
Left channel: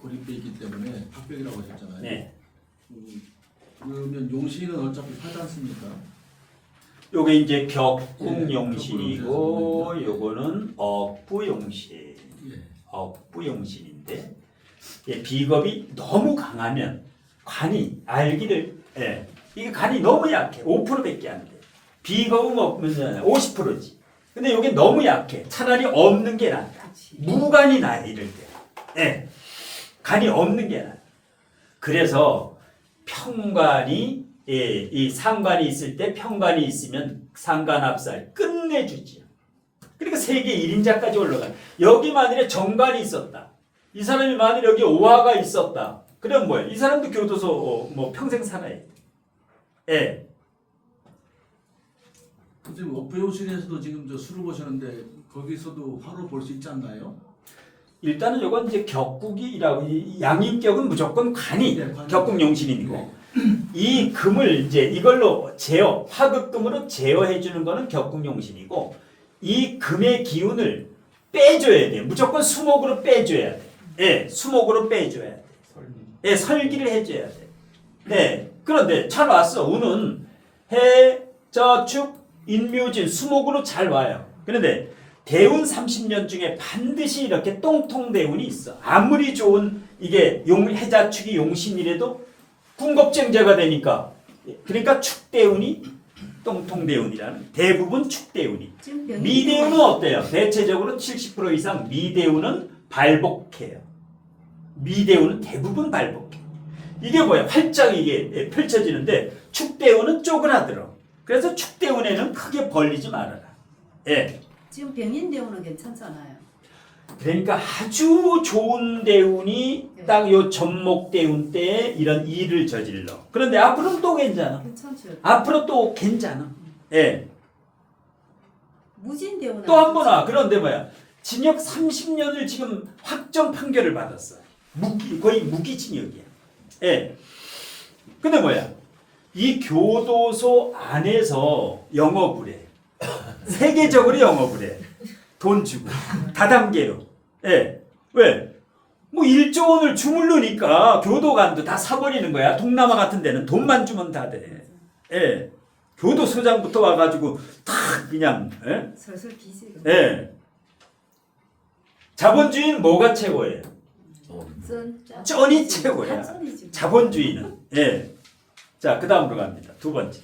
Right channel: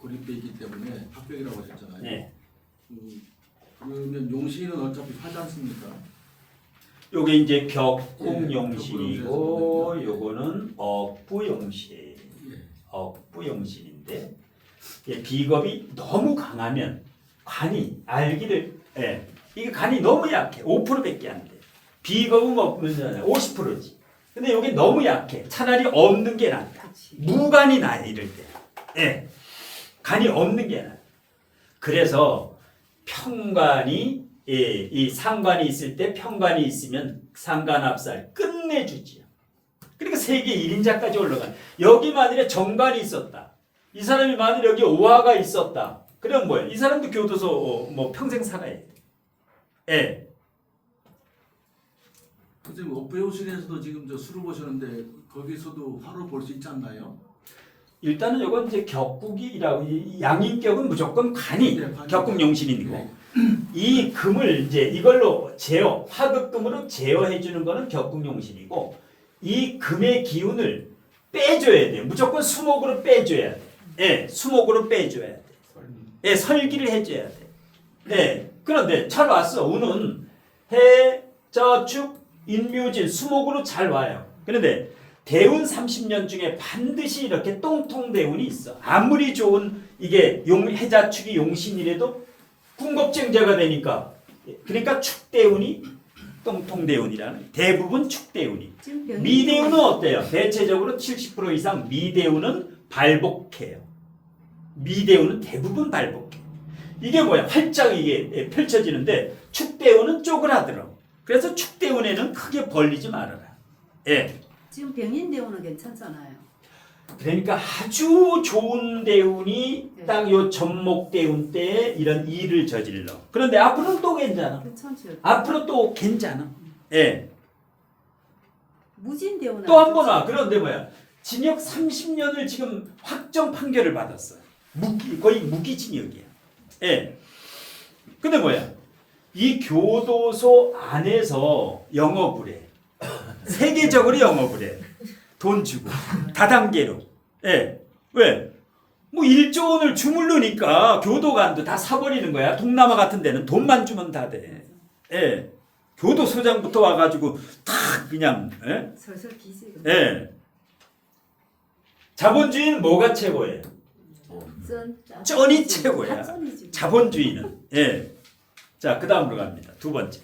고립돼 있기 때문에 합격이라고 하셨잖아요. 예. 그러면 용신은 어차피 하지 않습니까? 요게 이제 격국용신이고 요거는 억부용신. 예. 억부용신인데 비겁이 너무 강하면 간이 알기를 이게 간이 너무 약해. 5%밖에 안 돼. 비겁은 없으면 50%지. 근데 요게 너무 약해. 차라리 없는 게 낫다. 무간이 나요 이럴 때. 예. 간이 없는 게 나아. 그래서 평관이 이 상관이 있을 때 평관이 있으면 상관합살 끝내주지요. 그러니까 세계 1인자까지 올라가. 여기 만일에 정관이 있었다. 이 사람이 만일 여기 오화가 있었다. 그럼 뭐야? 이 사람도 교도소 뭐 평생 살아야 돼. 예. 선생님 업부용신에서도 지금 술을 보셨는데 거기서도 화를 볼 수 있지 않나요? 일단은 이건 이제 격국이라고 이 양인격은 무조건 간이 격국용신이고 이 금을 이제 이걸로 제어 화극금으로 제어해 주는 거는 격국용신이고 이 금의 기운을 빼줘야 돼. 무조건 수목으로 빼줘야 돼. 예, 수목으로 빼줘야 돼. 예, 설기를 해줘야 돼. 네. 그런데 잘 왔어. 운은 해, 저축, 인묘진 수목으로 잘 와요. 그런데 대운 30년 중에 반드시 이렇게 똥통대운이 있어. 아무리 좋은 이게 해자축이 용신이라도 궁겁쟁자가 되니까 그러니까 축대운이 똥통대운이라는 대부분 축대운이. 미대운은 어때요? 대체적으로 70% 이상 미대운은 발복해요. 미대운은 대부분 발복해. 이게 뭐야? 활짝 이게 펼쳐지는데 축대운은 쪼그라들어. 그래서 축대운에는 크게 벌리지 말아라. 예. 지금 병인대운은 괜찮잖아요. 그러니까 아주 좋은 대운이 딱 요 전목대운 때에 이런 일을 저질러. 그런데 앞으로는 또 괜찮아. 괜찮죠. 앞으로 또 괜찮아. 예. 무진대운은 또 한 번 와. 그런데 뭐야? 징역 30년을 지금 확정 판결을 받았어. 거의 무기징역이야. 예. 근데 뭐야? 이 교도소 안에서 영업을 해. 세계적으로 영업을 해. 돈 주고 다단계로. 예. 왜? 뭐 1조 원을 주물르니까 교도관도 다 사버리는 거야. 동남아 같은 데는 돈만 주면 다 돼. 예. 교도소장부터 와가지고 다 그냥 예? 설설 기지. 예. 자본주의는 뭐가 최고예요? 쩐이 최고야. 자본주의는. 예. 자, 그 다음으로 갑니다. 두 번째.